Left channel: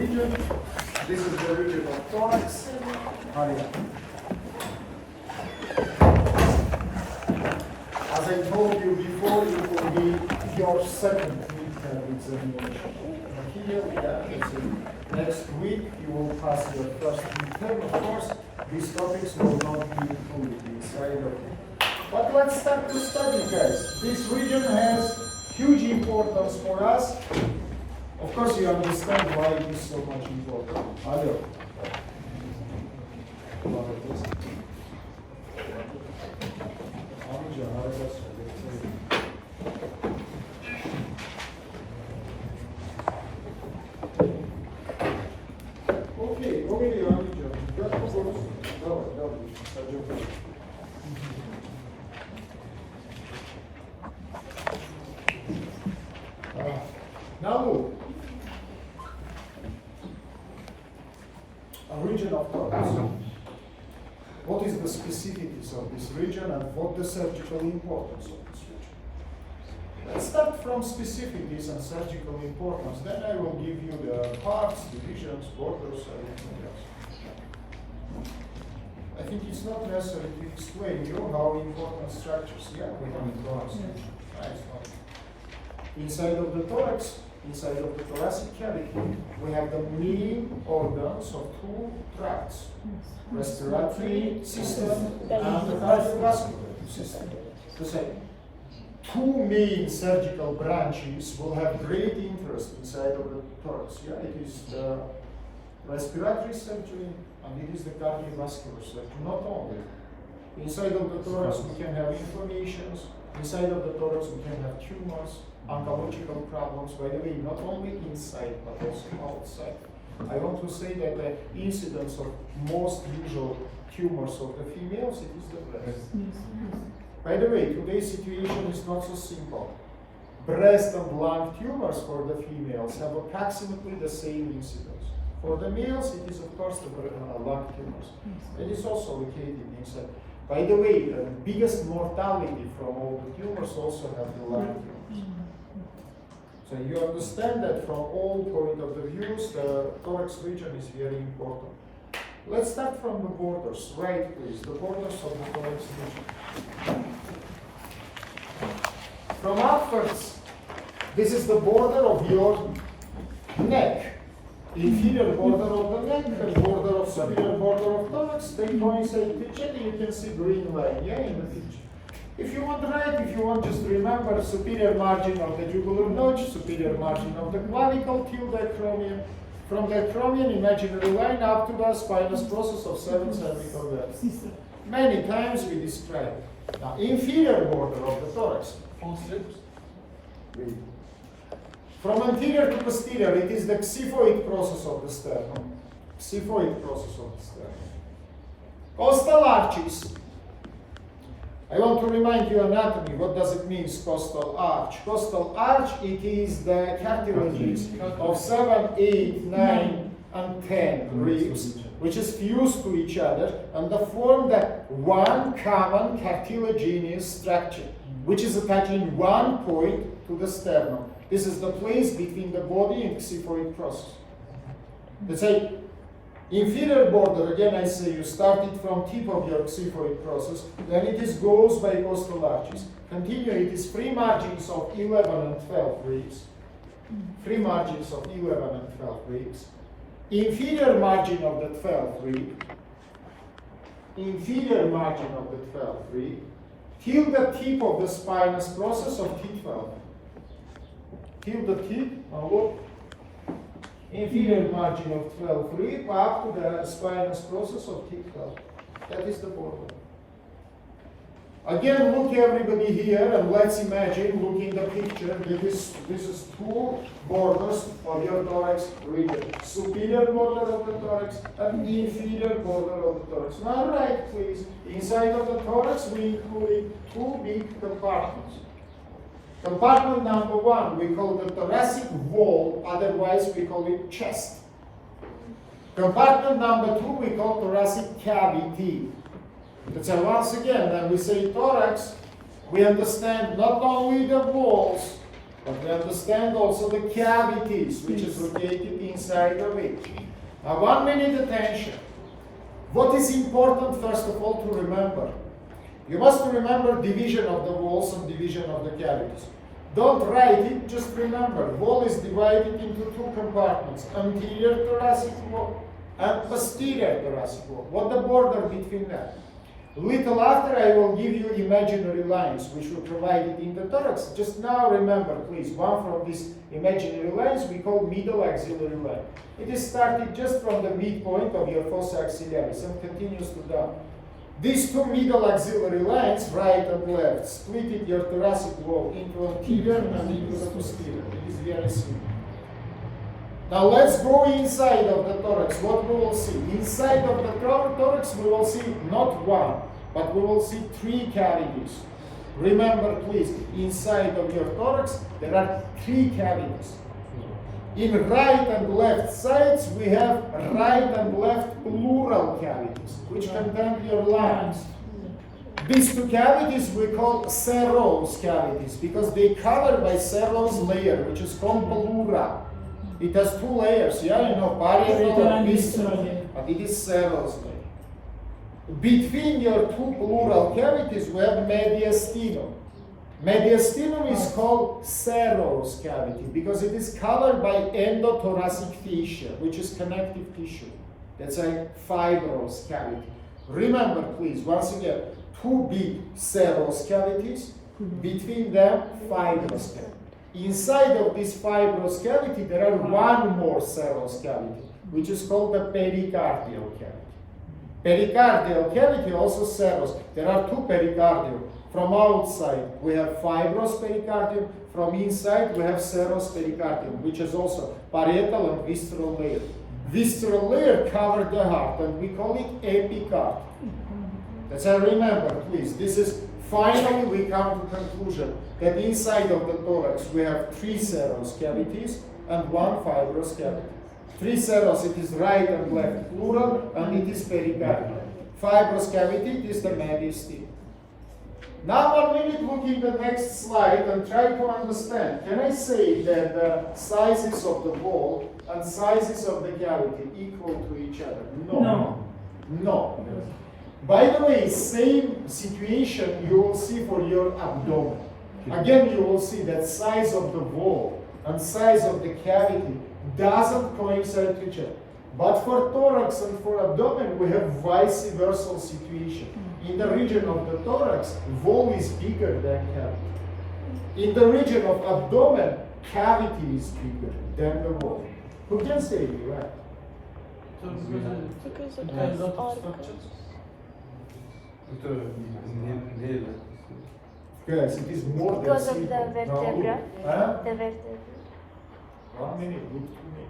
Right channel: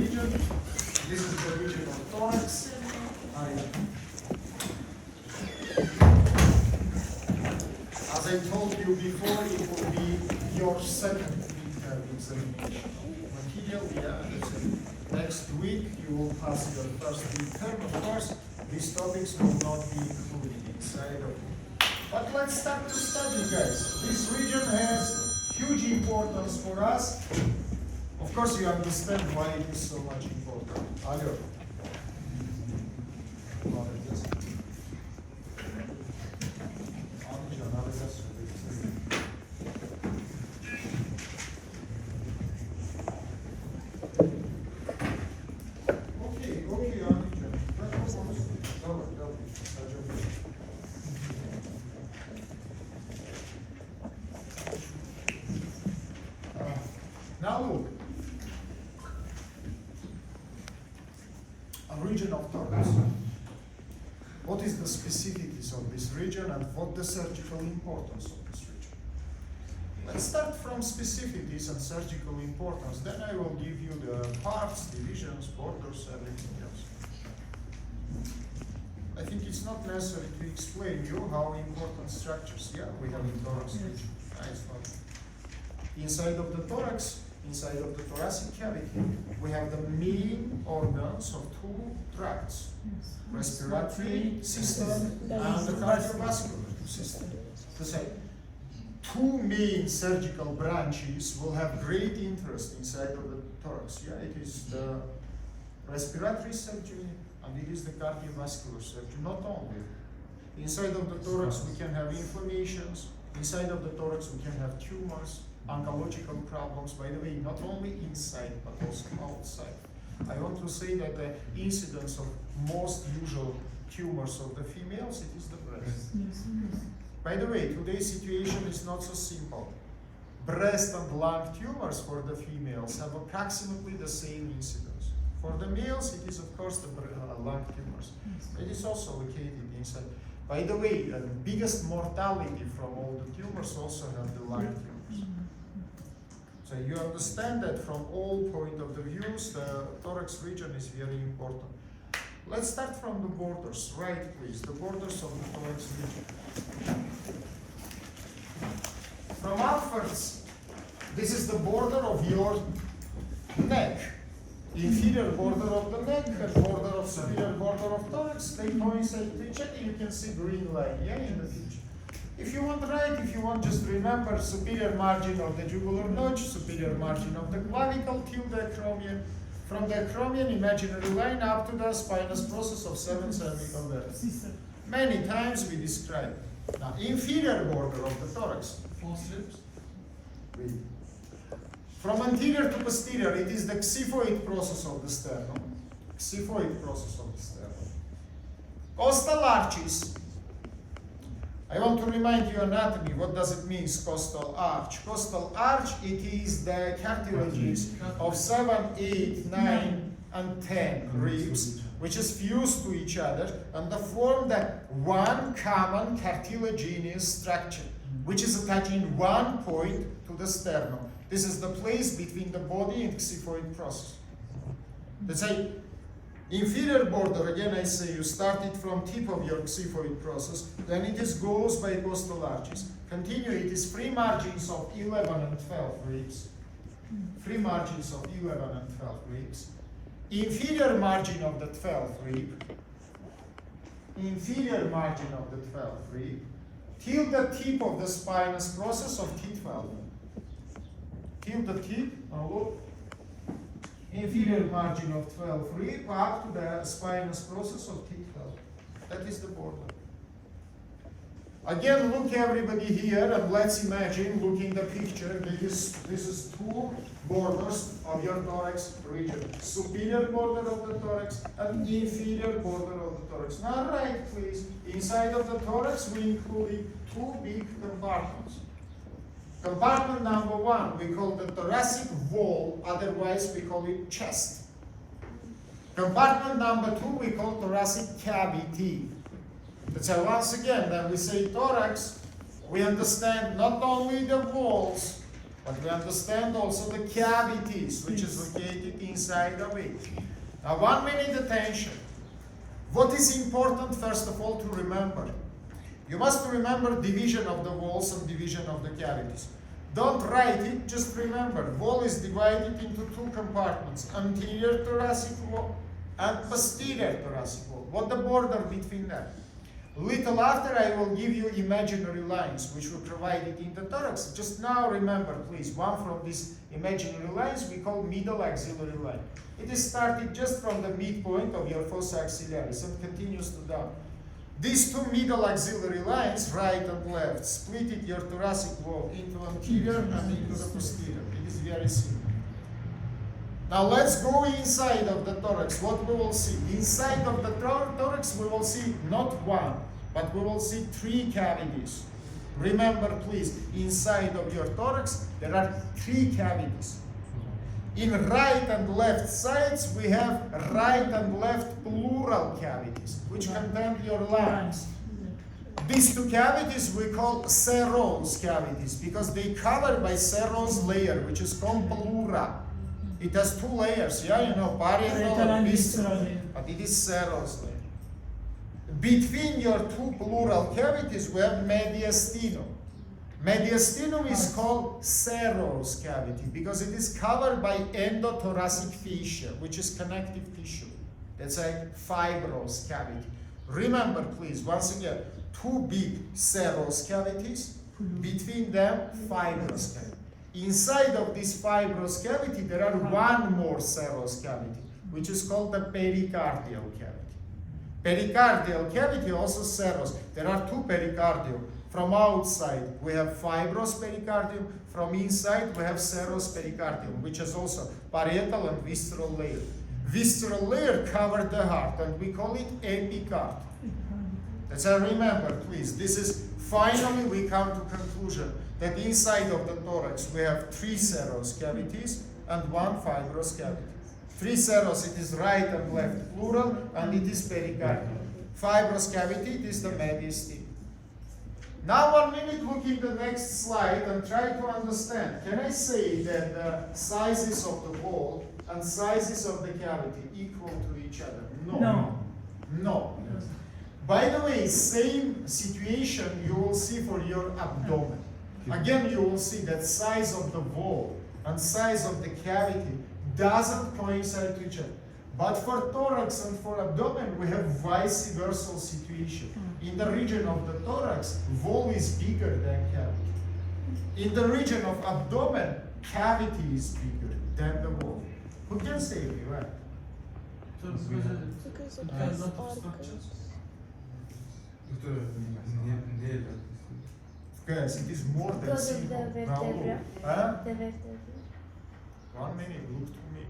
region. This is the region of thorax. As I told you before, it will be your second midterm examination. Here we are. Next week you will pass your first midterm. Of course, these topics will not be included inside of it. But let's start to study, guys. This region has huge importance for us. Of course, you understand why it is so much important. Hello. Now look, a region of thorax. What is the specificities of this region and what the surgical importance of this region? Let's start from specificities and surgical importance. Then I will give you the parts, divisions, borders, and everything else. I think it's not necessary to explain you how important structures. Yeah, we have in thorax. Nice one. Inside of the thorax, inside of the thoracic cavity, we have the main organs of two tracts, respiratory system and the cardiovascular system. To say, two main surgical branches will have great interest inside of the thorax. Yeah, it is the respiratory surgery and it is the cardiovascular surgery. Not only. Inside of the thorax we can have inflammations, inside of the thorax we can have tumors, oncological problems, by the way, not only inside but also outside. I want to say that the incidence of most usual tumors of the females, it is the breast. By the way, today's situation is not so simple. Breast and lung tumors for the females have approximately the same incidence. For the males, it is of course the lung tumors. It is also located inside. By the way, the biggest mortality from all the tumors also have the lung tumors. So you understand that from all point of the views, the thorax region is very important. Let's start from the borders. Right, please, the borders of the thorax region. From upwards, this is the border of your neck. Inferior border of the neck and border of superior border of thorax, they coincide with each other. You can see green line, yeah, in the picture. If you want right, if you want, just remember superior margin of the jugular notch, superior margin of the clavicle till the acromion. From the acromion, imaginary line up to the spinous process of 7 cervical vertebrae. Many times we describe it. Now, inferior border of the thorax. From anterior to posterior, it is the xiphoid process of the sternum. Xiphoid process of the sternum. Costal arches. I want to remind you anatomy. What does it mean, costal arch? Costal arch, it is the cartilages of 7, 8, 9, and 10 ribs, which is fused to each other and they form the one common cartilaginous structure, which is attaching one point to the sternum. This is the place between the body and xiphoid process. Let's say, inferior border, again I say you start it from tip of your xiphoid process, then it is goes by costal arches. Continue, it is free margins of 11 and 12 ribs. Free margins of 11 and 12 ribs. Inferior margin of the 12th rib. Inferior margin of the 12th rib. Till the tip of the spinous process of T12. Till the tip, now look. Inferior margin of 12 rib up to the spinous process of T12. That is the border. Again, look everybody here and let's imagine, look in the picture, this is two borders of your thorax region. Superior border of the thorax and inferior border of the thorax. Now right, please. Inside of the thorax we include two big compartments. Compartment number one, we call the thoracic wall, otherwise we call it chest. Compartment number two, we call thoracic cavity. So once again, when we say thorax, we understand not only the walls, But we understand also the cavities, which is located inside of it. Now, 1 minute attention. What is important, first of all, to remember? You must remember division of the walls and division of the cavities. Don't write it, just remember. Wall is divided into 2 compartments, anterior thoracic wall and posterior thoracic wall. What the border between them? Little after I will give you imaginary lines which were provided in the thorax. Just now remember, please, one from these imaginary lines we call middle axillary line. It is started just from the midpoint of your fossa axillaris and continues to down. These 2 middle axillary lines, right and left, split your thoracic wall into anterior and into the posterior. It is very simple. Now let's go inside of the thorax. What we will see? Inside of the thorax we will see not 1, but we will see 3 cavities. Remember please, inside of your thorax there are 3 cavities. In right and left sides we have right and left pleural cavities, which contain your lungs. These 2 cavities we call serous cavities because they cover by serous layer, which is called pleura. It has 2 layers, yeah, you know, parietal and visceral, but it is serous layer. Between your 2 pleural cavities, we have mediastinum. Mediastinum is called serous cavity because it is covered by endothoracic fissure, which is connective tissue. That's a fibrous cavity. Remember, please, once again, 2 big serous cavities, between them, fibrous cavity. Inside of this fibrous cavity, there are 1 more serous cavity, which is called the pericardial cavity. Pericardial cavity also serous. There are 2 pericardium. From outside, we have fibrous pericardium. From inside, we have serous pericardium, which is also parietal and visceral layer. Visceral layer covers the heart, and we call it epicard. That's how remember, please. This is finally we come to conclusion that inside of the thorax we have 3 serous cavities and 1 fibrous cavity. 3 serous, it is right and left pleural, and it is pericardial. Fibrous cavity, it is the mediastinum. Now 1 minute, look in the next slide and try to understand. Can I say that the sizes of the wall and sizes of the cavity equal to each other? No. By the way, same situation you will see for your abdomen. Again, you will see that size of the wall and size of the cavity doesn't coincide to each other. But for thorax and for abdomen, we have vice versa situation. In the region of the thorax, wall is bigger than cavity. In the region of abdomen, cavity is bigger than the wall. Who can say it, right? Because of all structures. Yes, it is more than Because of the simple. vertebra. Huh? The vertebra. 1 minute, look to me.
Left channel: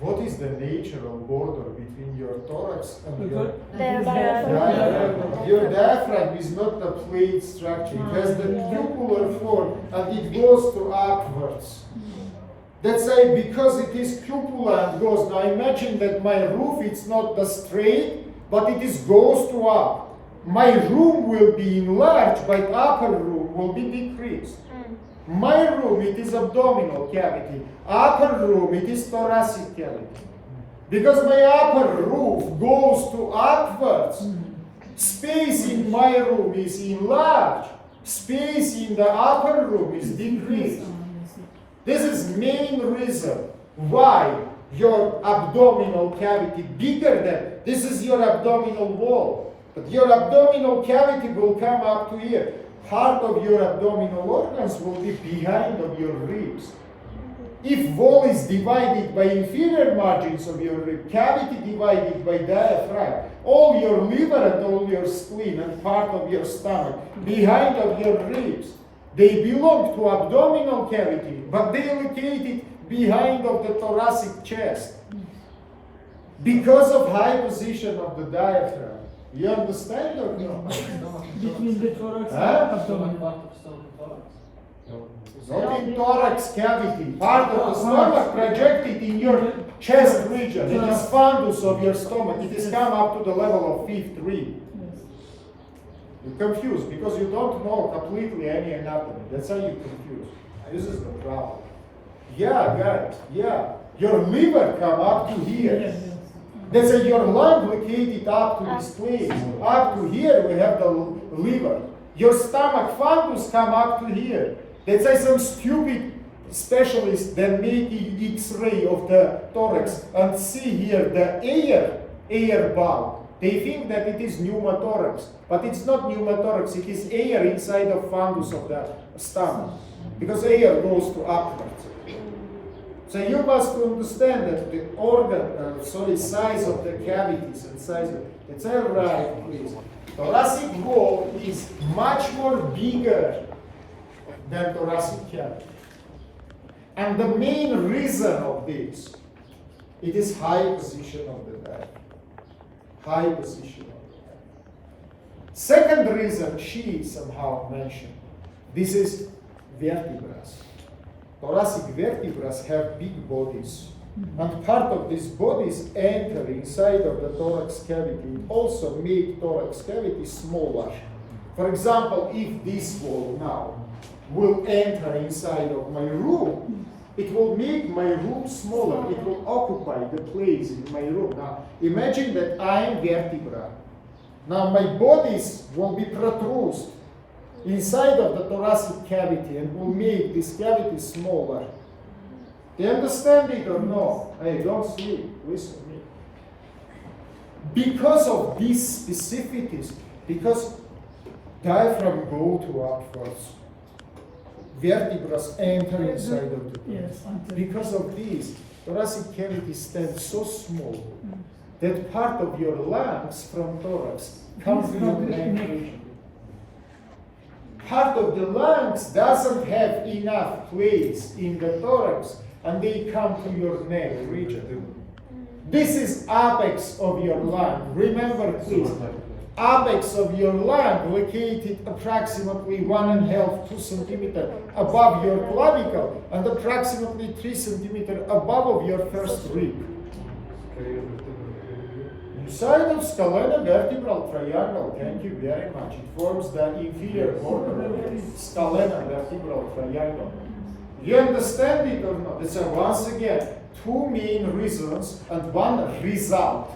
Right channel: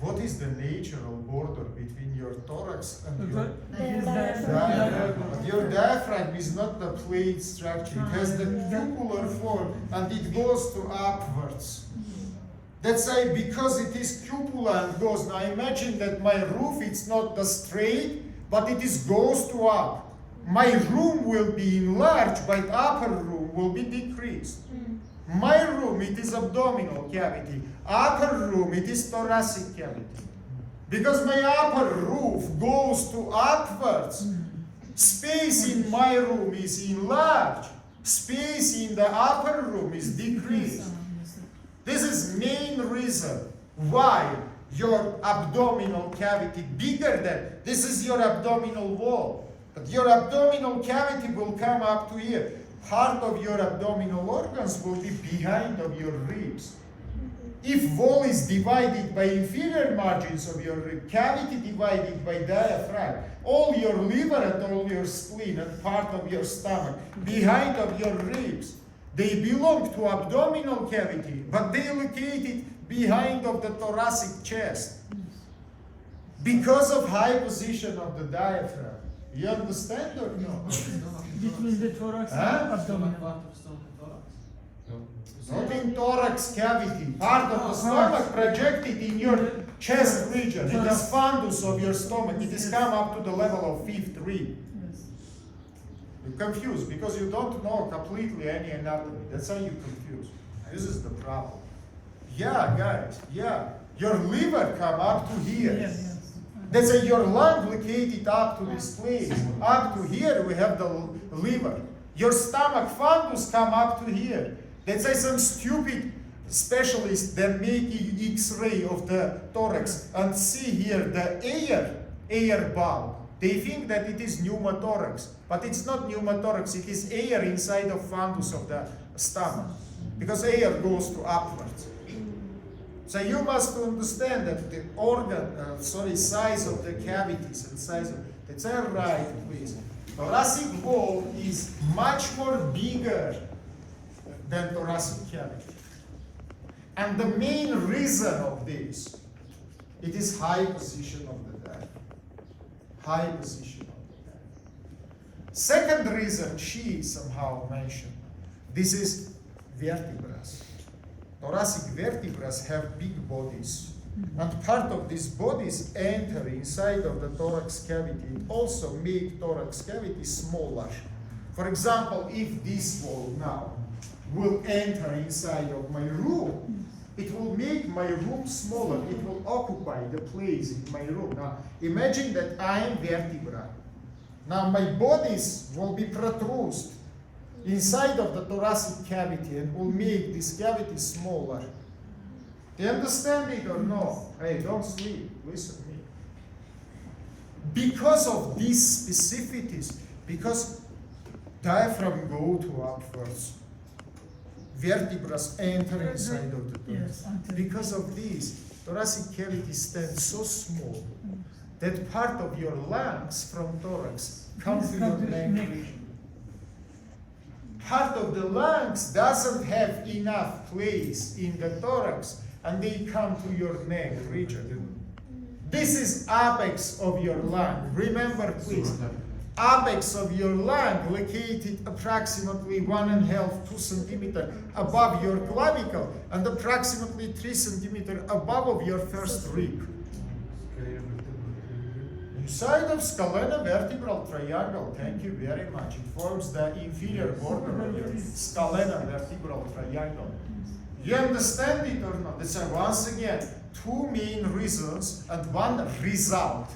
What is the nature of border between your thorax and your diaphragm? Your diaphragm is not a plate structure. It has the cupular form and it goes to upwards. That's why because it is cupular and goes. Now imagine that my roof it's not the straight, but it is goes to up. My room will be enlarged, but upper room will be decreased. My room, it is abdominal cavity. Upper room, it is thoracic cavity. Because my upper roof goes to upwards, space in my room is enlarged. Space in the upper room is decreased. This is main reason why your abdominal cavity bigger than, this is your abdominal wall. But your abdominal cavity will come up to here. Part of your abdominal organs will be behind of your ribs. If wall is divided by inferior margins of your rib, cavity divided by diaphragm, all your liver and all your spleen and part of your stomach, behind of your ribs, they belong to abdominal cavity, but they are located behind of the thoracic chest. Because of high position of the diaphragm. You understand or no? Between the thorax and abdomen. Not in thorax cavity. Part of the stomach projected in your chest region. It is fundus of your stomach. It is come up to the level of 5th rib. You're confused because you don't know completely any anatomy. That's how you're confused. This is the problem. Yeah, guys, yeah. Your liver come up to here. Yes, yes. That's why your lung located up to this place. Up to here we have the liver. Your stomach fundus come up to here. That's why some stupid specialists that make X-ray of the thorax and see here the air bulb. They think that it is pneumothorax, but it's not pneumothorax. It is air inside of fundus of the stomach, because air goes to upwards. So you must understand that the size of the cavities and size of, that's right, please. Thoracic wall is much more bigger than thoracic cavity. And the main reason of this, it is high position of the diaphragm. High position of the diaphragm. Second reason she somehow mentioned, this is vertebrae. Thoracic vertebrae have big bodies. And part of these bodies enter inside of the thorax cavity, also make thorax cavity smaller. For example, if this wall now will enter inside of my room, it will make my room smaller. It will occupy the place in my room. Now, imagine that I am vertebra. Now, my bodies will be protruded inside of the thoracic cavity and will make this cavity smaller. Do you understand it or no? Hey, don't sleep. Listen to me. Because of these specificities, because diaphragm go to upwards, vertebrae enter inside of the thorax. Yes, Because of this, thoracic cavity stands so small that part of your lungs from thorax comes to your neck region. Part of the lungs doesn't have enough place in the thorax, and they come to your neck region. This is apex of your lung. Remember, please, apex of your lung located approximately 1.5 to 2 centimeters above your clavicle and approximately 3 centimeters above of your first rib. Inside of scalenvertebral triangle, thank you very much. It forms the inferior border of the scalenvertebral triangle. You understand it or not? So once again, two main reasons and one result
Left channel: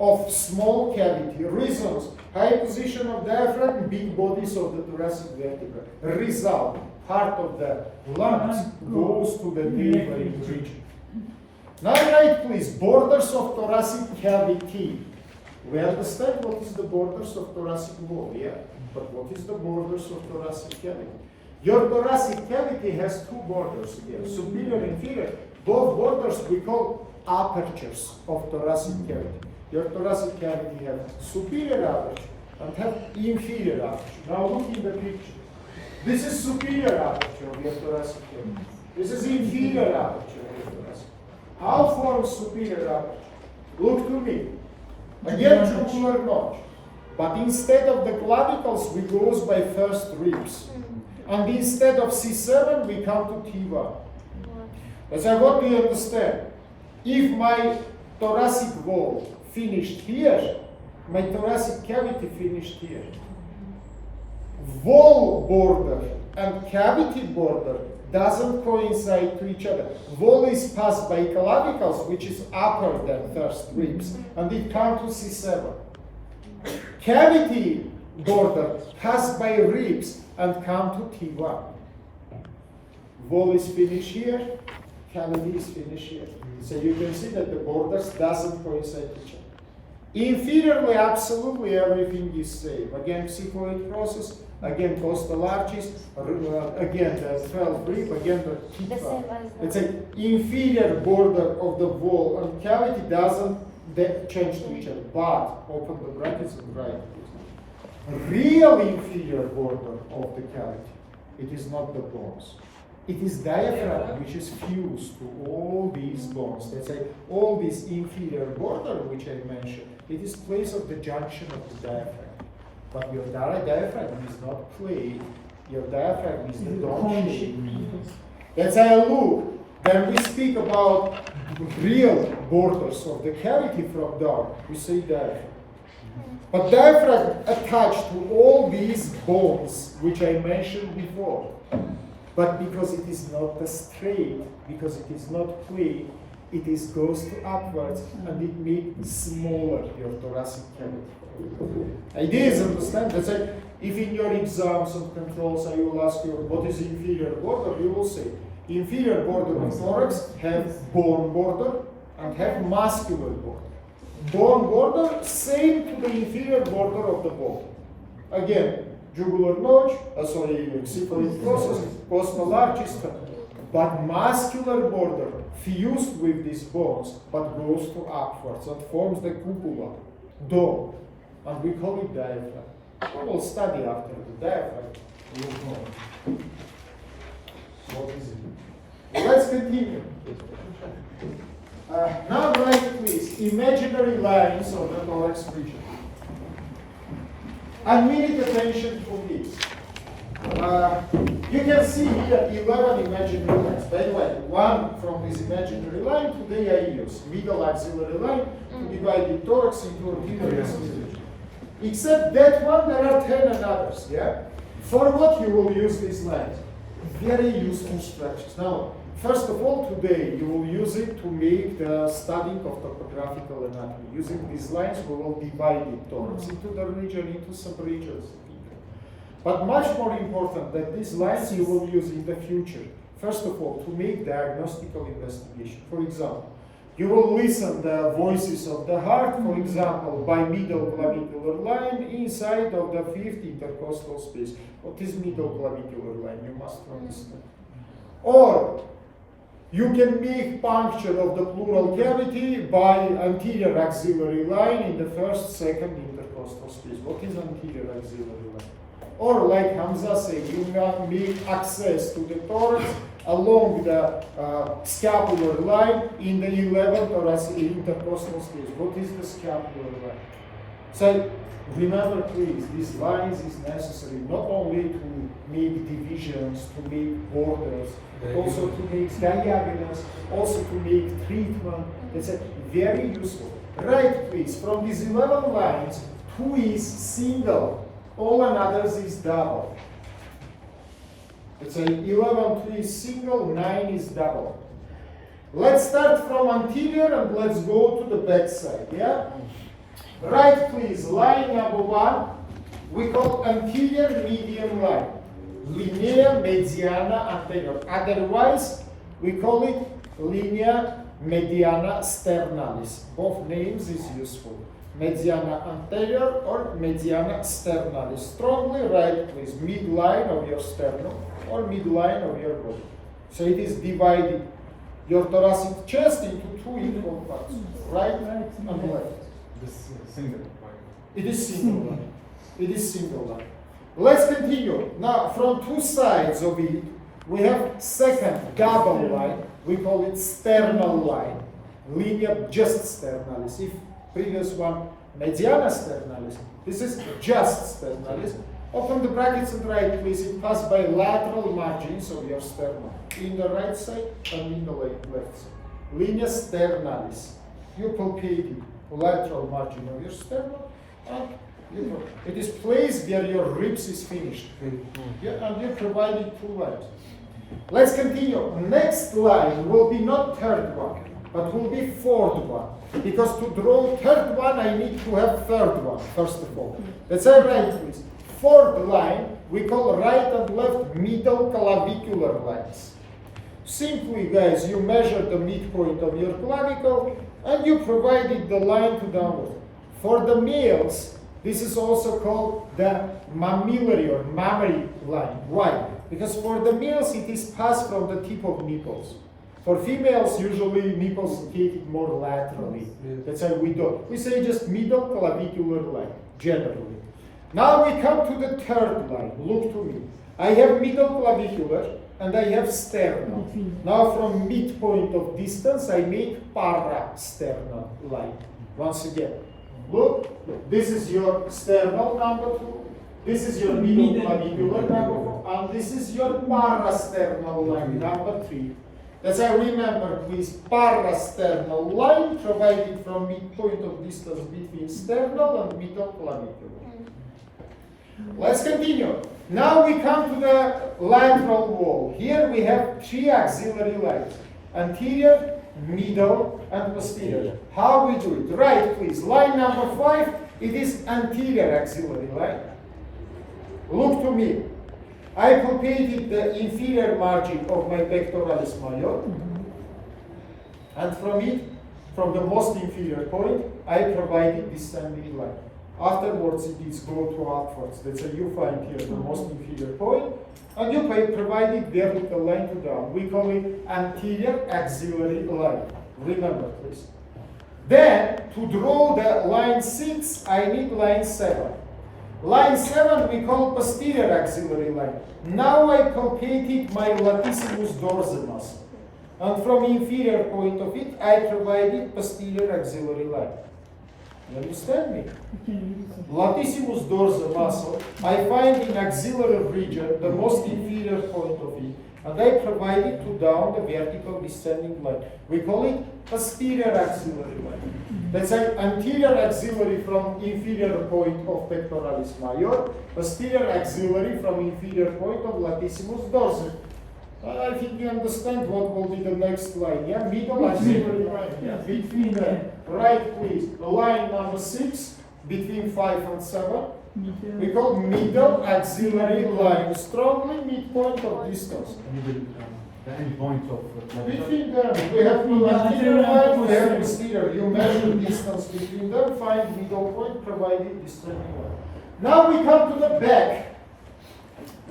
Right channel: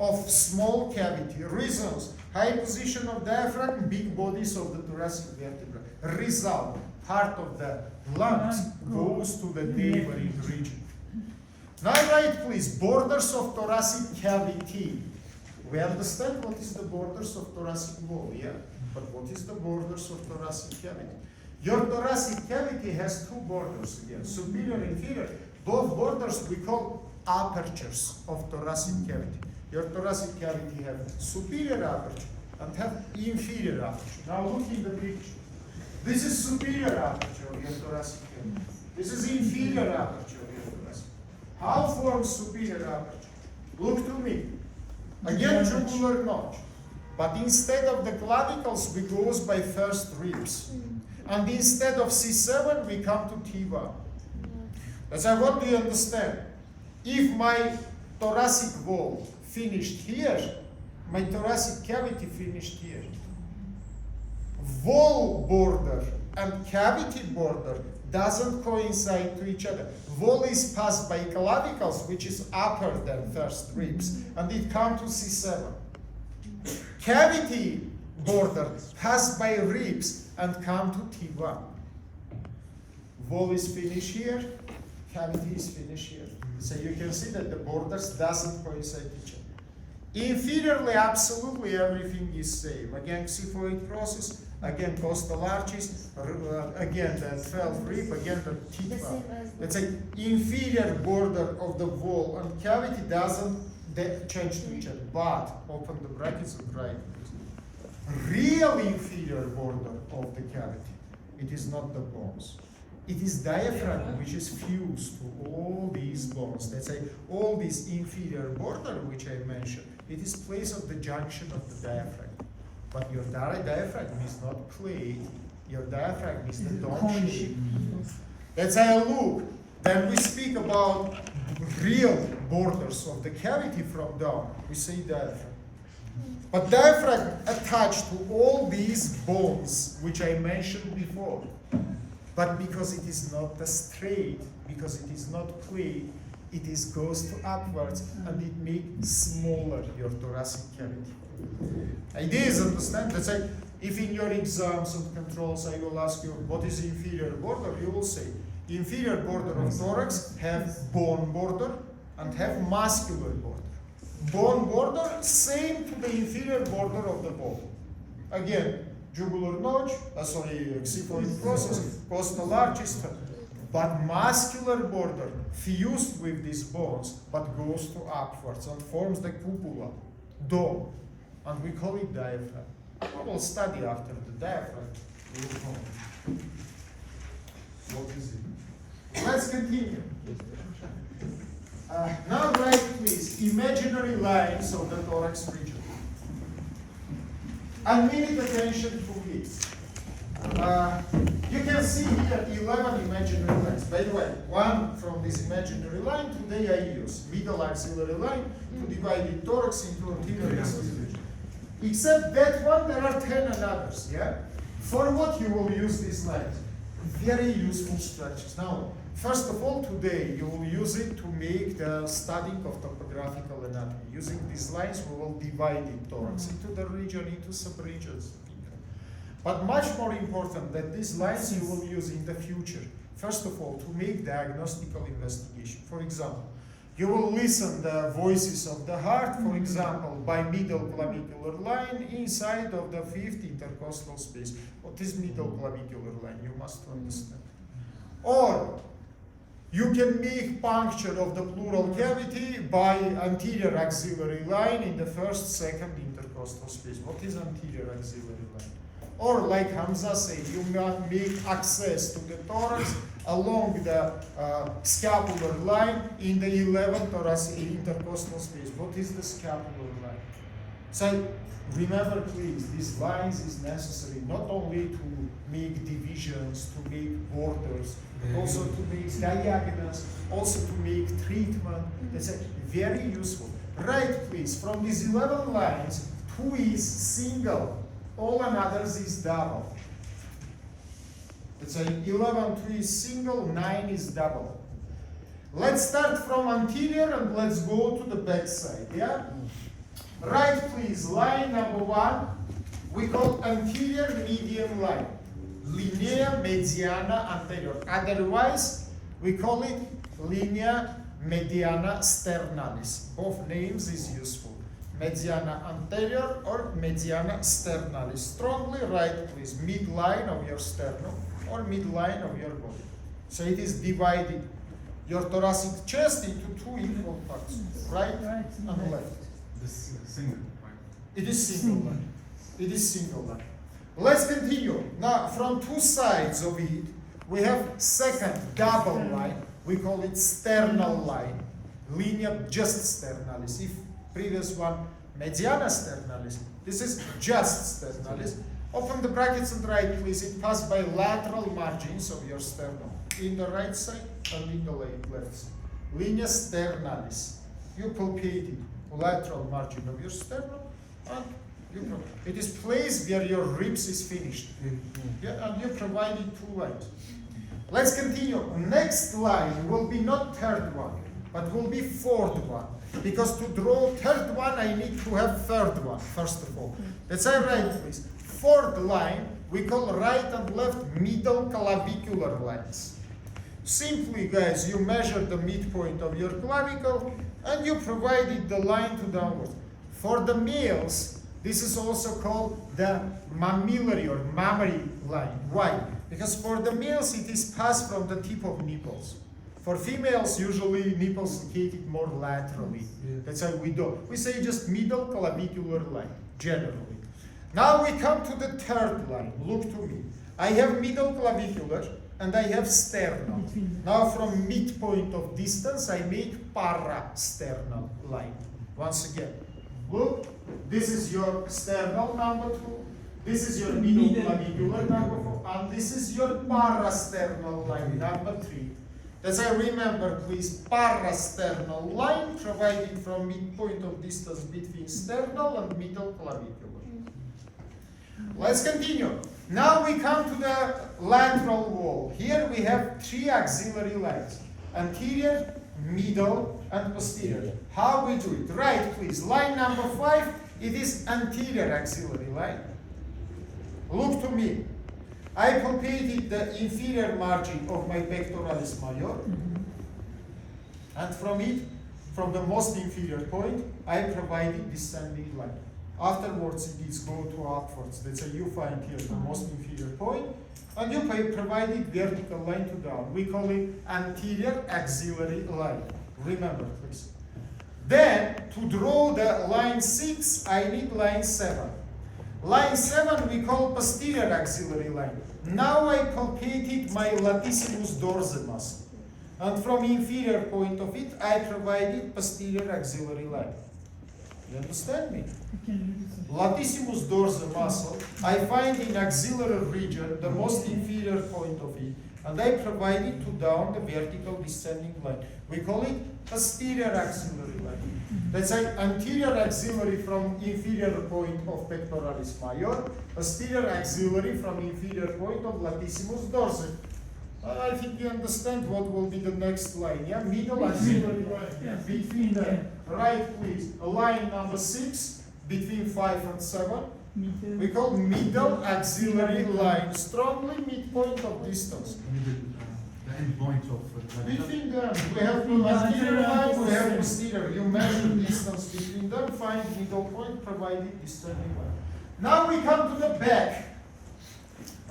of small cavity. Reasons: high position of diaphragm, big bodies of the thoracic vertebra. Result: part of the lungs goes to the neighboring region. Now write please, borders of thoracic cavity. We understand what is the borders of thoracic wall, yeah? But what is the borders of thoracic cavity? Your thoracic cavity has two borders here, superior and inferior. Both borders we call apertures of thoracic cavity. Your thoracic cavity have superior aperture and have inferior aperture. Now look in the picture. This is superior aperture of your thoracic cavity. This is inferior aperture of your thoracic. How forms superior aperture? Look to me. Again, jugular notch. But instead of the clavicles, we goes by first ribs. And instead of C7, we come to T1. So what do you understand? If my thoracic wall finished here, my thoracic cavity finished here. Wall border and cavity border doesn't coincide to each other. Wall is passed by clavicles, which is upper than first ribs, and it comes to C7. Cavity border passed by ribs and come to T1. Wall is finished here, cavity is finished here. So you can see that the borders doesn't coincide each other. Inferiorly, absolutely everything is same. Again, xiphoid process, again costal arches, again the 12th rib, again the T1. Let's say inferior border of the wall and cavity doesn't change to each other, but open the brackets and write this. Real inferior border of the cavity, it is not the bones. It is diaphragm which is fused to all these bones. Let's say all this inferior border which I mentioned, it is place of the junction of the diaphragm. But your diaphragm is not plate, your diaphragm is the dome shape. That's how I look. When we speak about real borders of the cavity from down, we say diaphragm. But diaphragm attached to all these bones which I mentioned before. But because it is not a straight, because it is not plane, it is goes to upwards and it makes smaller your thoracic cavity. Idea is understand. That's like if in your exams and controls I will ask you what is inferior border, you will say inferior border of thorax have bone border and have muscular border. Bone border same to the inferior border of the bone. Again, jugular notch, cephalic process, costal arches, but muscular border fused with these bones, but goes to upwards and forms the cupula, dome, and we call it diaphragm. We will study after the diaphragm. What is it? Let's continue. Now write please imaginary lines of the thorax region. And we need attention to this. You can see here 11 imaginary lines. By the way, one from this imaginary line today I use middle axillary line to divide the thorax into anterior region. Except that one, there are 10 and others. Yeah. For what you will use these lines? Very useful structures. Now, first of all, today you will use it to make the studying of topographical anatomy. Using these lines, we will divide the thorax into the region, into sub-regions. But much more important that these lines you will use in the future. First of all, to make diagnostical investigation. For example, you will listen the voices of the heart, for example, by middle clavicular line inside of the fifth intercostal space. What is middle clavicular line? You must understand. Or you can make puncture of the pleural cavity by anterior axillary line in the first, second intercostal space. What is anterior axillary line? Or like Hamza said, you can make access to the thorax along the scapular line in the 11th thoracic intercostal space. What is the scapular line? So remember please, these lines is necessary not only to make divisions, to make borders, but also to make diagonals, also to make treatment. That's very useful. Right please, from these 11 lines, 2 is single. All others is double. Let's say 11, 2 is single, 9 is double. Let's start from anterior and let's go to the back side, yeah? Right, please, line number 1, we call anterior median line. Linea mediana anterior. Otherwise, we call it linea mediana sternalis. Both names is useful. Mediana anterior or mediana sternalis. Strongly right, please, midline of your sternum or midline of your body. So it is divided your thoracic chest into 2 equal parts, right and left. This single line. It is single line. It is single line. Let's continue. Now, from 2 sides of it, we have second double line. We call it sternal line. Linea just sternalis. If previous one, mediana sternalis. This is just sternalis. Open the brackets and write, please. It passes by lateral margins of your sternum, in the right side and in the left side. Linea sternalis. You palpate it, lateral margin of your sternum, and it is placed where your ribs is finished. Yeah, and you provided 2 lines. Let's continue. Next line will be not third one, but will be fourth one. Because to draw third one, I need to have third one, first of all. Let's say right, please. Fourth line, we call right and left middle clavicular lines. Simply, guys, you measure the midpoint of your clavicle and you provided the line to downward. For the males, this is also called the mammillary or mammary line. Why? Because for the males, it is passed from the tip of nipples. For females, usually nipples located more laterally. That's why we do. We say just middle clavicular line, generally. Now we come to the third line. Look to me. I have middle clavicular and I have sternal. Now from midpoint of distance, I make parasternal line. Once again, look, this is your sternal number 2. This is your middle clavicular number 4. And this is your parasternal line number 3. As I remember, please, parasternal line provided from midpoint of distance between sternal and middle clavicular. Let's continue. Now we come to the lateral wall. Here we have three axillary lines: anterior, middle, and posterior. How we do it? Right, please. Line number 5, it is anterior axillary line. Look to me. I palpated the inferior margin of my pectoralis major, and from it, from the most inferior point, I provided descending line. Afterwards, it is go to upwards. Let's say you find here the most inferior point, and you provided vertical line to down. We call it anterior axillary line. Remember, please. Then, to draw the line 6, I need line 7. Line 7 we call posterior axillary line. Now I palpated my latissimus dorsi muscle. And from inferior point of it, I provided posterior axillary line. You understand me? Latissimus dorsi muscle, I find in axillary region, the most inferior point of it, and I provide it to down the vertical descending line. We call it posterior axillary line. Let's say anterior axillary from inferior point of pectoralis major, posterior axillary from inferior point of latissimus dorsi. I think you understand what will be the next line, yeah? Middle axillary line, yeah? Between the right, please. The line number 6, between 5 and 7. We call middle axillary line, strongly midpoint of distance. The end point of Between them, we have anterior line, we have posterior. You measure distance between them, find middle point, provided descending line. Now we come to the back.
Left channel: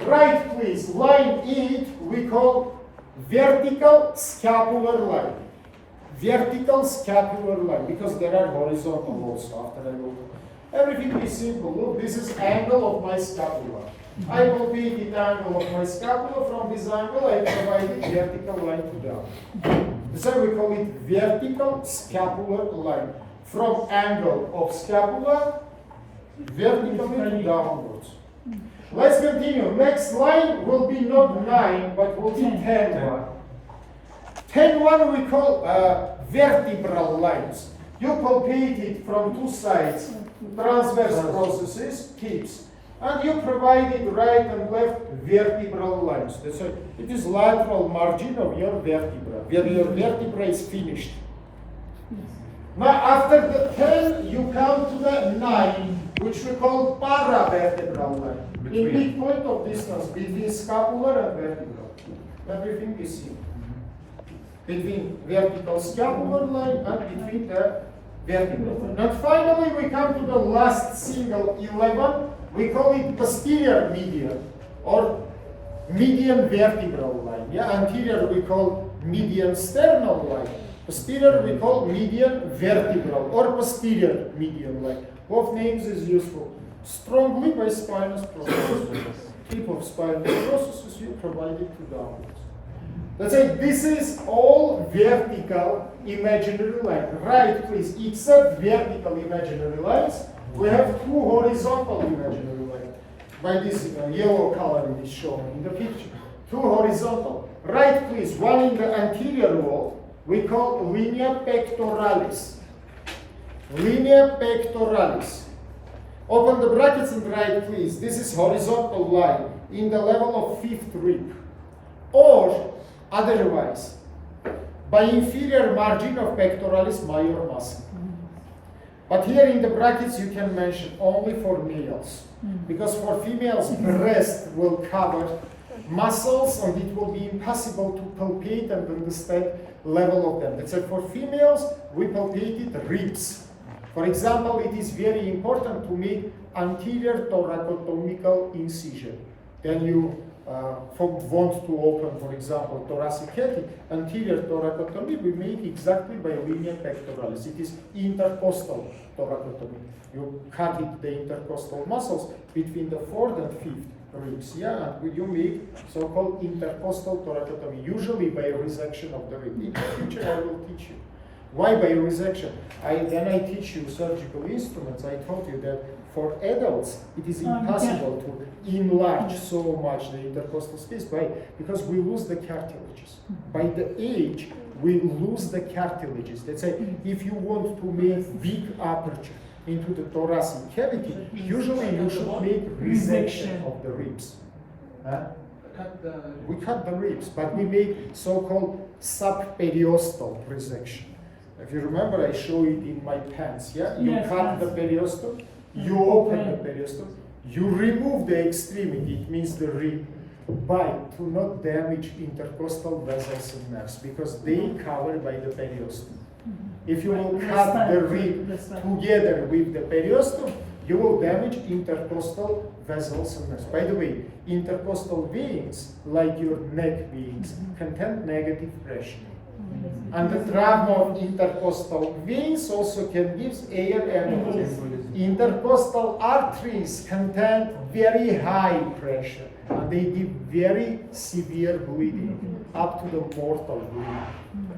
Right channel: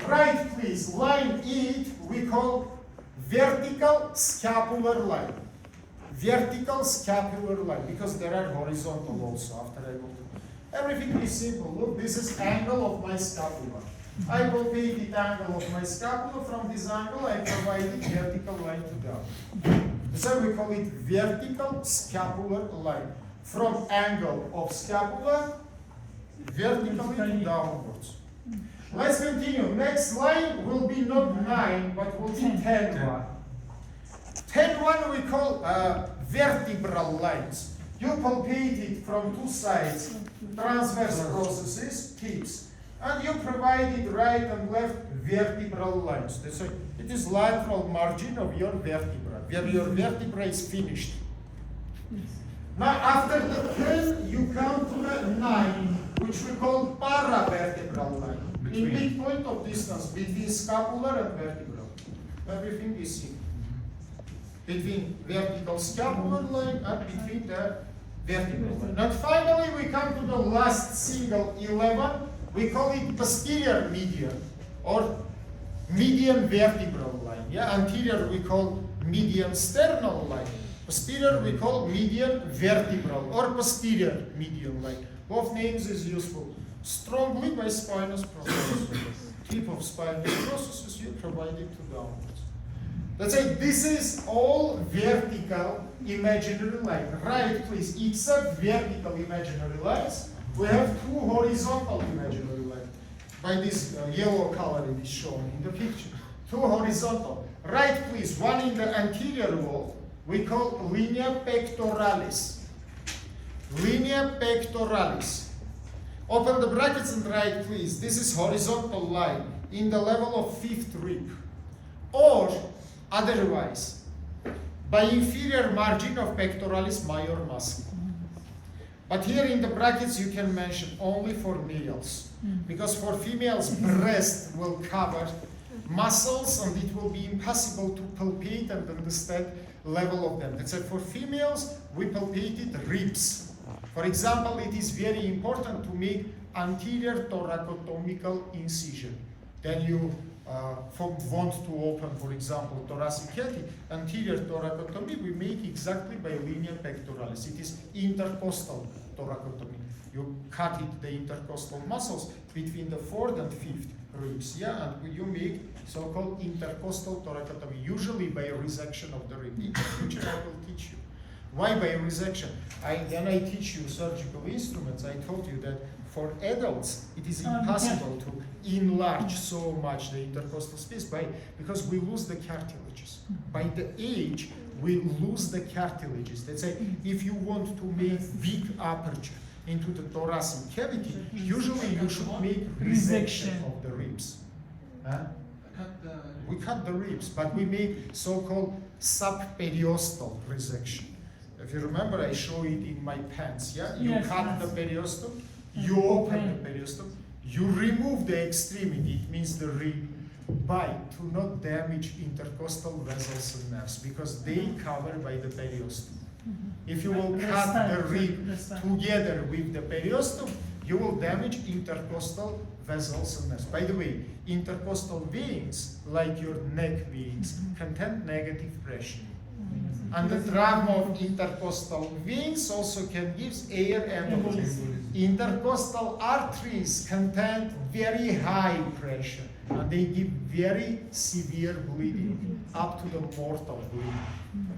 Right, please. Line 8 we call vertical scapular line. Vertical scapular line, because there are horizontal also after I go to. Everything is simple. Look, this is angle of my scapula. I will be the angle of my scapula. From this angle, I provide vertical line to down. So we call it vertical scapular line. From angle of scapula, vertically to downwards. Let's continue. Next line will be not 9, but will be 10. 10-1 we call vertebral lines. You palpate it from two sides, transverse processes, tips, and you provide it right and left vertebral lines. That's right. It is lateral margin of your vertebra, where your vertebra is finished. Now after the 10, you come to the 9, which we call paravertebral line. In midpoint of distance between scapular and vertebral. Everything is here. Between vertical scapular line and between the vertebral line. And finally we come to the last single 11. We call it posterior median or median vertebral line. Yeah, anterior we call median sternal line. Posterior we call median vertebral or posterior median line. Both names is useful. Strongly by spinous processes. Tip of spinous processes you provide it to downwards. Let's say this is all vertical imaginary line. Right, please. Except vertical imaginary lines, we have two horizontal imaginary lines. By this yellow color is shown in the picture. Two horizontal. Right, please. One in the anterior wall, we call linea pectoralis. Linea pectoralis. Open the brackets and write, please. This is horizontal line in the level of 5th rib. Or, otherwise, by inferior margin of pectoralis major muscle. But here in the brackets you can mention only for males. Because for females, breast will cover muscles and it will be impossible to palpate and understand level of them. That's why for females, we palpated ribs. For example, it is very important to make anterior thoracotomical incision. Then you want to open, for example, thoracic cavity, anterior thoracotomy, we make exactly by linea pectoralis. It is intercostal thoracotomy. You cut it, the intercostal muscles between the 4th and 5th ribs, yeah, and you make so-called intercostal thoracotomy, usually by resection of the rib. In the future, I will teach you. Why by resection? Then I teach you surgical instruments. I told you that for adults, it is impossible to enlarge so much the intercostal space because we lose the cartilages. By the age, we lose the cartilages. Let's say if you want to make big aperture, into the thoracic cavity, usually you should make resection of the ribs. Cut the. We cut the ribs, but we make so-called subperiosteal resection. If you remember, I show it in my pants, yeah? You Yes, cut yes. the periosteum, you open the periosteum, you remove the extremity, it means the rib, but to not damage intercostal vessels and nerves, because they covered by the periosteum. If you will cut the rib together with the periosteum, you will damage intercostal vessels and nerves. By the way, intercostal veins, like your neck veins, contain negative pressure. And the trauma of intercostal veins also can give air embolism. Intercostal arteries contain very high pressure, and they give very severe bleeding, up to the mortal bleeding.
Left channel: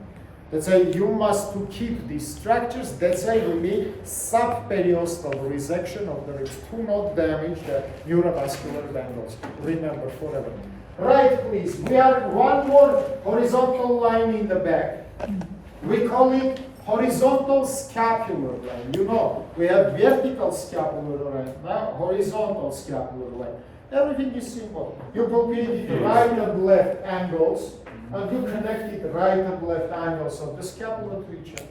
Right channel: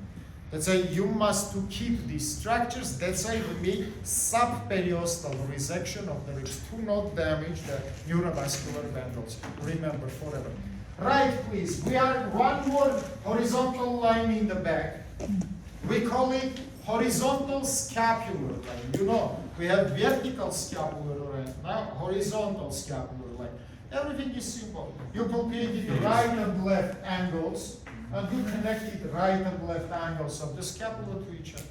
That's why you must to keep these structures. That's why we make subperiosteal resection of the ribs to not damage the neurovascular bangles. Remember forever. Right, please. We are one more horizontal line in the back. We call it horizontal scapular line. You know, we have vertical scapular line, now horizontal scapular line. Everything is simple. You locate it right and left angles, and you connect it right and left angles of the scapula to each other.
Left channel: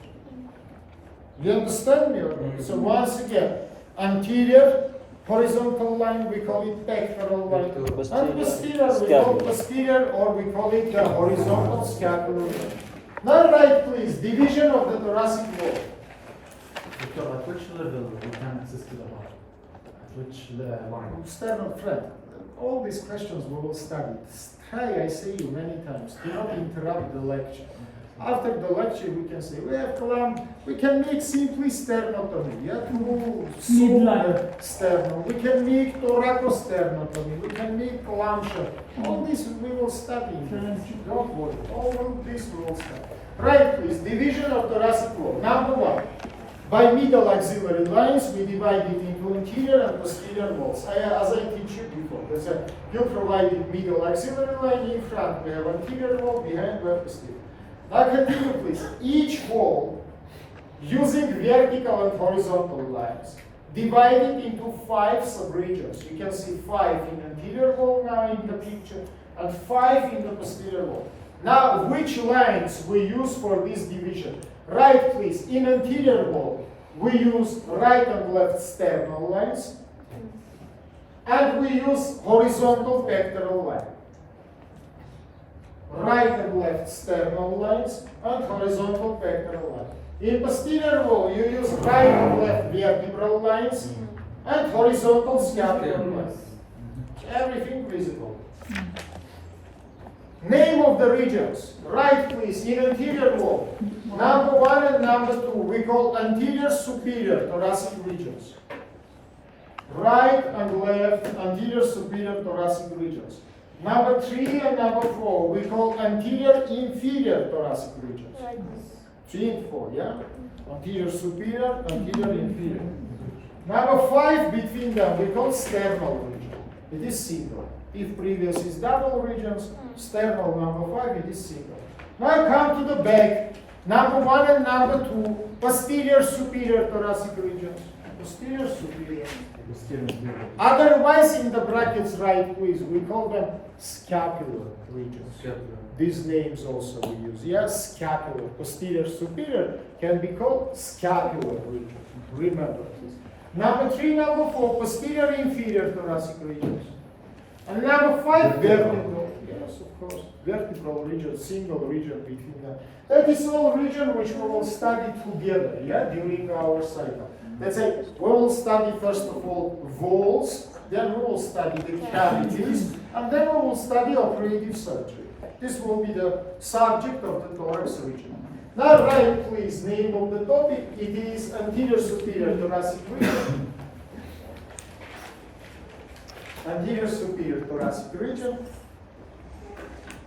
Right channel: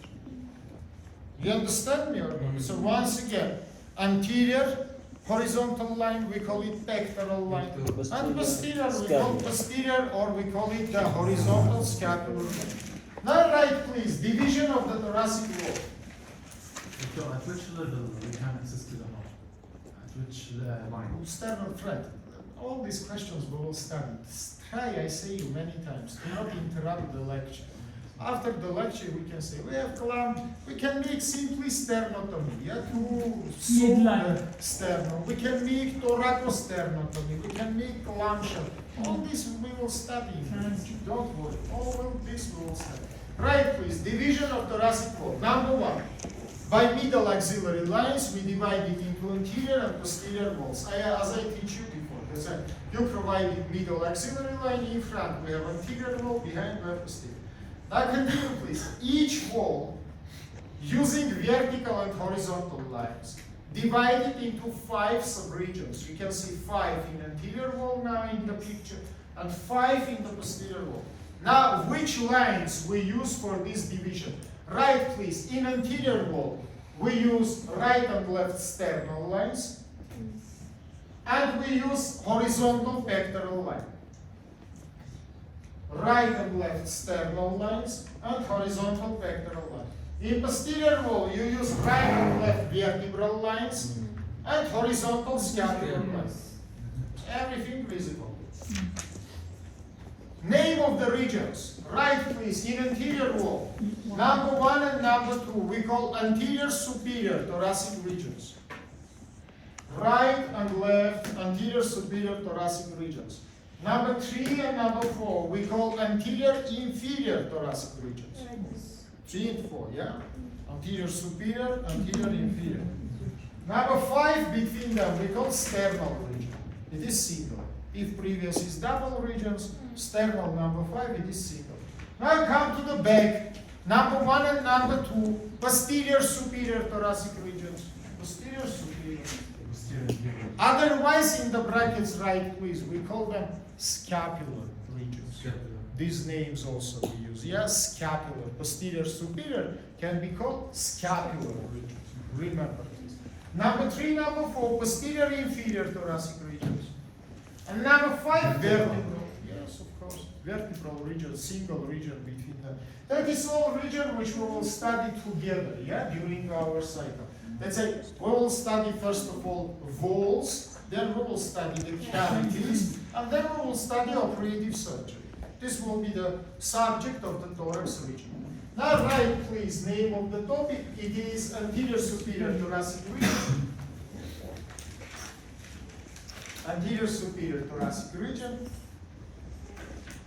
You understand me or not? So once again, anterior horizontal line, we call it pectoral line. And posterior, we call posterior, or we call it the horizontal scapular line. Now right, please, division of the thoracic wall. Doctor, at which level we can assist the heart? At which line? Sternal thread. All these questions we will study. Try, I say you many times, do not interrupt the lecture. After the lecture, we can say, we have clamp, we can make simply sternotomy, yeah, to sew the sternum. We can make thoracosternotomy, we can make clamshell. All this we will study. Don't worry, all this we will study. Right, please, division of thoracic wall. Number one, by middle axillary lines, we divide it into anterior and posterior walls. As I teach you before, that's why you provided middle axillary line in front, we have anterior wall, behind we have posterior. Now continue, please. Each wall, using vertical and horizontal lines, divided into 5 subregions. You can see 5 in anterior wall now in the picture, and 5 in the posterior wall. Now, which lines we use for this division? Right, please. In anterior wall, we use right and left sternal lines, and we use horizontal pectoral line. Right and left sternal lines and horizontal pectoral line. In posterior wall, you use right and left vertebral lines and horizontal scapular lines. Everything visible. Name of the regions. Right, please. In anterior wall, number 1 and number 2, we call anterior superior thoracic regions. Right and left anterior superior thoracic regions. Number 3 and number 4, we call anterior inferior thoracic regions. 3 and 4, yeah? Anterior superior, anterior inferior. Number 5 between them, we call sternal region. It is single. If previous is double regions, sternal number 5, it is single. Now come to the back. Number 1 and number 2, posterior superior thoracic regions. Posterior superior. Otherwise, in the brackets, right, please, we call them scapular regions. These names also we use. Yes, scapular. Posterior superior can be called scapular regions. Remember this. Number 3, number 4, posterior inferior thoracic regions. And number 5, vertebral. Yes, of course. Vertebral region, single region between them. That is all region which we will study together, yeah, during our cycle. Let's say we will study first of all walls, then we will study the cavities, and then we will study operative surgery. This will be the subject of the thorax region. Now write please name of the topic. It is anterior superior thoracic region. Anterior superior thoracic region.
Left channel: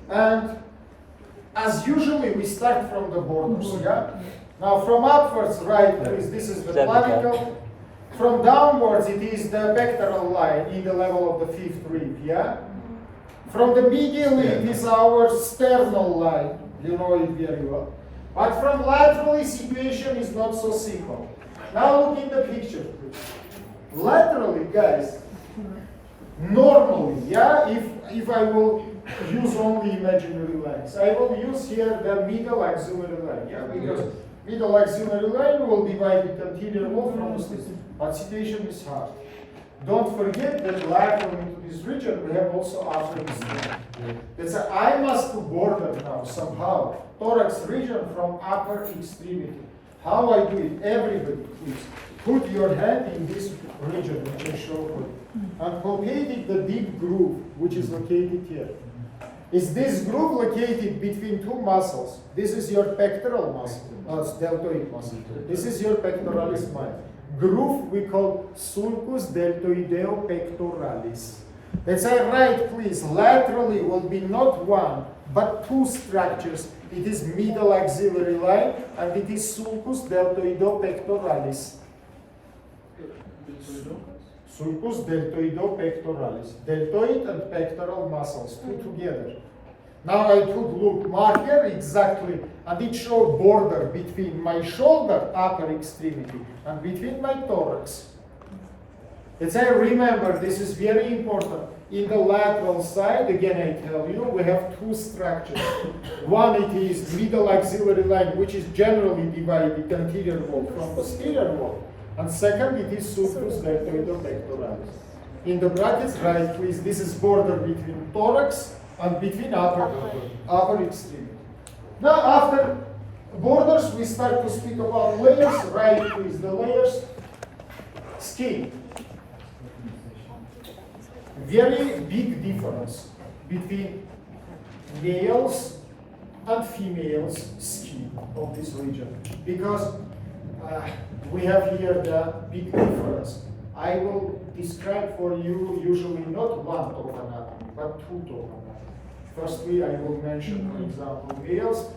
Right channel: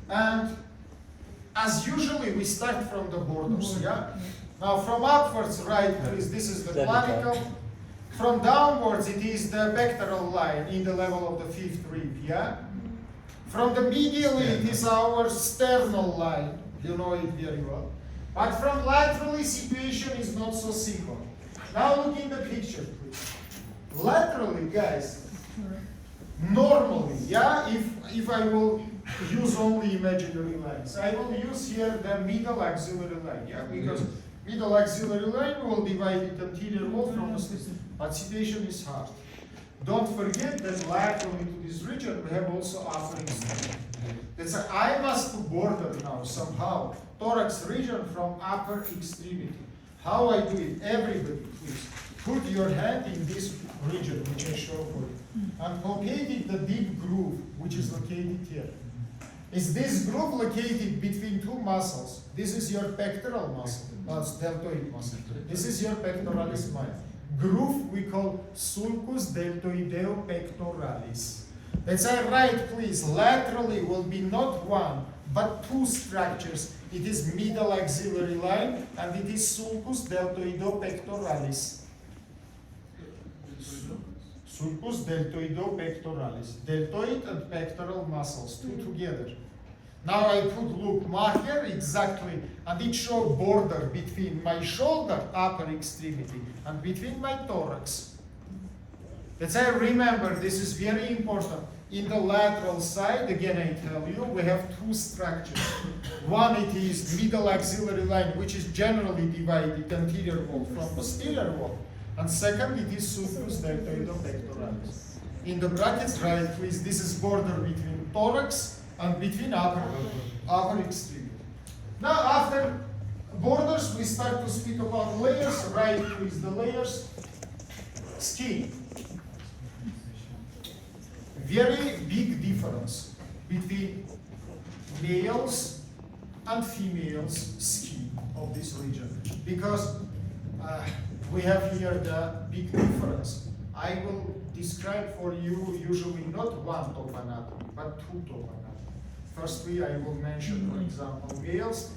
And as usually we start from the borders, yeah? Now from upwards, right, please, this is the clavicle. From downwards, it is the pectoral line in the level of the 5th rib, yeah? From the medially, it is our sternal line. You know it very well. But from laterally, situation is not so simple. Now look in the picture, please. Laterally, guys, normally, yeah, if I will use only imaginary lines, I will use here the middle axillary line, yeah, because middle axillary line will divide the anterior wall from the sleeve. But situation is hard. Don't forget that lateral into this region we have also upper extremity. That's why I must border now somehow thorax region from upper extremity. How I do it? Everybody, please put your hand in this region which I show for you, and locate the deep groove which is located here. Is this groove located between two muscles? This is your pectoral muscle, deltoid muscle. This is your pectoralis minor. Groove we call sulcus deltoideo pectoralis. Let's say right, please. Laterally will be not one, but two structures. It is middle axillary line, and it is sulcus deltoideo pectoralis. Sulcus deltoideo pectoralis. Deltoid and pectoral muscles, two together. Now I put, look, mark here exactly, and it shows border between my shoulder, upper extremity, and between my thorax. Let's say, remember, this is very important. In the lateral side, again I tell you, we have two structures. One, it is middle axillary line, which is generally divided anterior wall from posterior wall. And second, it is sulcus deltoideo pectoralis. In the brackets, right, please, this is border between thorax and between upper extremity. Now, after borders, we start to speak about layers. Right, please, the layers. Skin. Very big difference between males and females' skin of this region, because we have here the big difference. I will describe for you usually not one top anatomy, but two top anatomy. Firstly, I will mention, for example, males.